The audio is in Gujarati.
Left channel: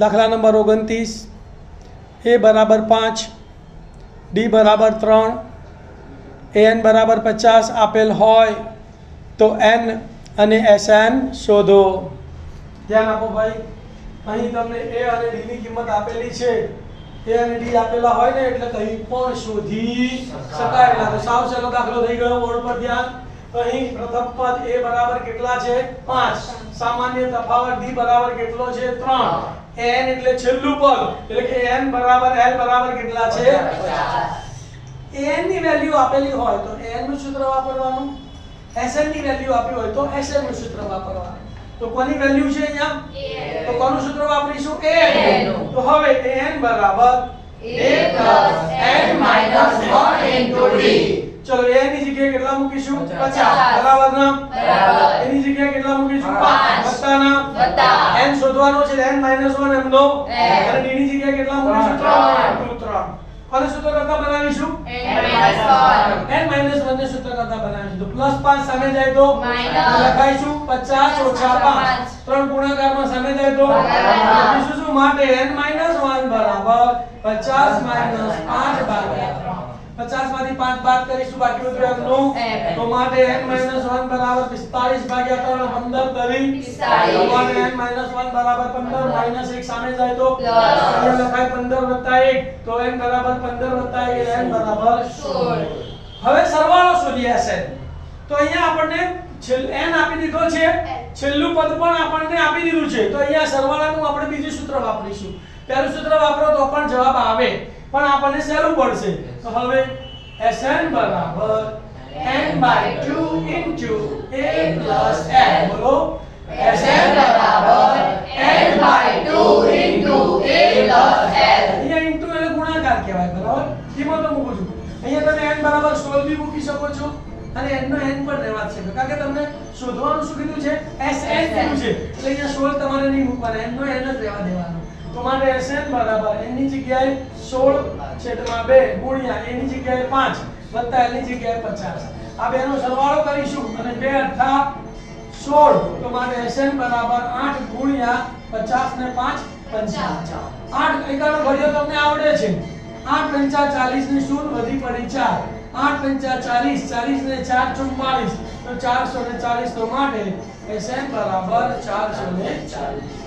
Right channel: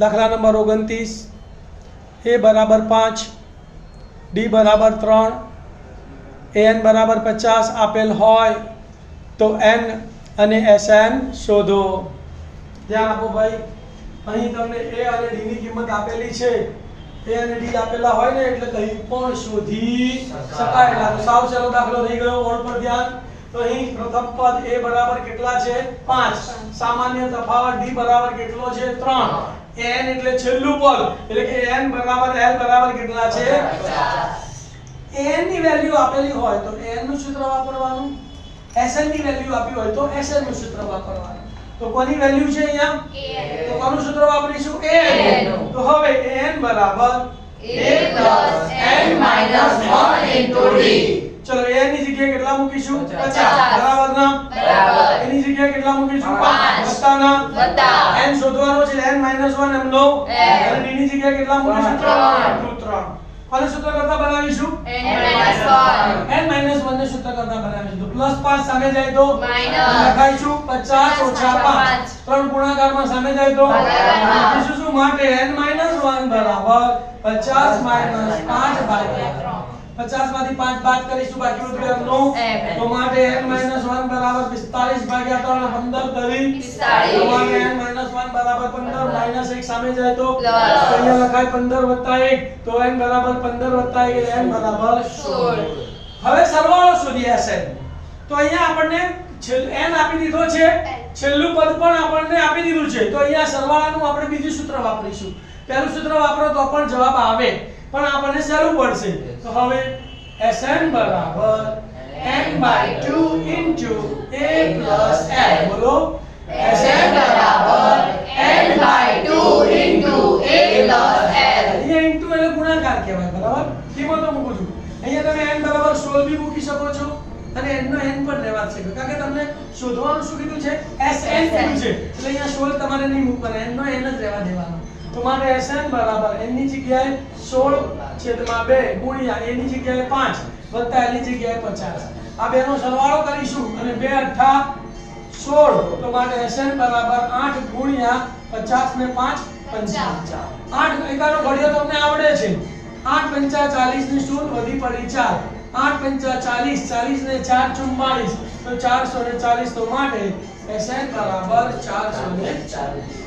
દાખલા નંબર 29, a બરાબર 5, d બરાબર 3, an બરાબર 50 આપેલ હોય તો n અને Sn શોધો। ધ્યાન આપો ભાઈ, અહીં તમને a અને d ની કિંમત આપેલી છે। a અને d આપેલા હોય ને એટલે કંઈ પણ શોધી શકાય। તો સાવ સરળ દાખલો થઈ ગયો। બોર્ડ પર ધ્યાન। તો અહીં પ્રથમ પદ a બરાબર કેટલા છે 5, સામાન્ય તફાવત d બરાબર કેટલો છે 3, n એટલે છેલ્લું પદ એટલે કે n બરાબર l બરાબર કેટલા છે 50। n ની વેલ્યુ આપેલી હોય તો n નું સૂત્ર વાપરવાનું, Sn ની વેલ્યુ આપી હોય તો Sn નું સૂત્ર વાપરવાનું। તો કોની વેલ્યુ છે અહીંયા તો કોનું સૂત્ર વાપરીશું a નું। તો હવે n બરાબર a n - 1 into d। ચલો a ની જગ્યાએ કેટલા મૂકીશું 50 બરાબર ના બરાબર, એની જગ્યાએ કેટલા મૂકીશું 5 વત્તાના n શોધવાનો છે n - 1 એમ લો, અને d ની જગ્યાએ કેટલા મૂકીશું 3 કોને સૂત્ર કરતા બનાવીશું n - 1 ને સૂત્ર કરતા બનાવીશું। તો +5 સામે જાય તો લખાઈશું 50 ઓછા 5, 3 ગુણાકારમાં સામે જાય તો લખીશું શું માટે n - 1 બરાબર 50 - 5 ભાગ્યા 50 માંથી 5 બાદ કરીશું, બાકી બધું m નું। તો માટે n - 1 બરાબર 45 ભાગ્યા 3 15 કરી 45, તો માટે n - 1 બરાબર 15 -1 સામે જાય તો અહીંયા લખાય 15 + 1, તો n બરાબર 15 + 1 એટલે n બરાબર 16। હવે સરવાળો શોધીએ Sn। તો અહીંયા આપણને n આપી દીધો છે, છેલ્લું પદ પણ આપણને આપી દીધું છે। તો અહીંયા સરવાળાનું આપણે બીજું સૂત્ર વાપરીશું। પહેલું સૂત્ર વાપરો તો પણ જવાબ આવે, પણ આપણને સહેલું પડશે। તો હવે Sn બરાબર n/2 into a plus l। બોલો Sn બરાબર n/2 into a plus l। અહીંયા into એટલે ગુણાકાર કહેવાય બરાબર, કિંમતો મૂકું છું। અહીંયા તમે n બરાબર 16 બી મૂકી શકો છો અને n નો n પણ લેવા છે, કારણ કે તમને શોધવાનું શું કીધું છે Sn કીધું છે, એટલે અહીંયા 16 તમારે નહીં મૂકવાના, n નો n જ રહેવા દેવાનો। તો મારે Sn બરાબર n ની જગ્યાએ 16/2 ગુણ્યા a ની જગ્યાએ 5 વત્તા l ની જગ્યાએ 50, આ બેનો સરવાળો કરીશું અને 2 * 8 16, તો મારે Sn બરાબર 8 ગુણ્યા 50 ને 5 55। 8 એકાનો ઘડિયો તમને આવડે છે, 8 × 5 = 40 ની શૂન્ય વધી પડી 4, 8 × 5 = 40, 40 ને 4 = 44, તો 440, તો માટે Sn બરાબર 440।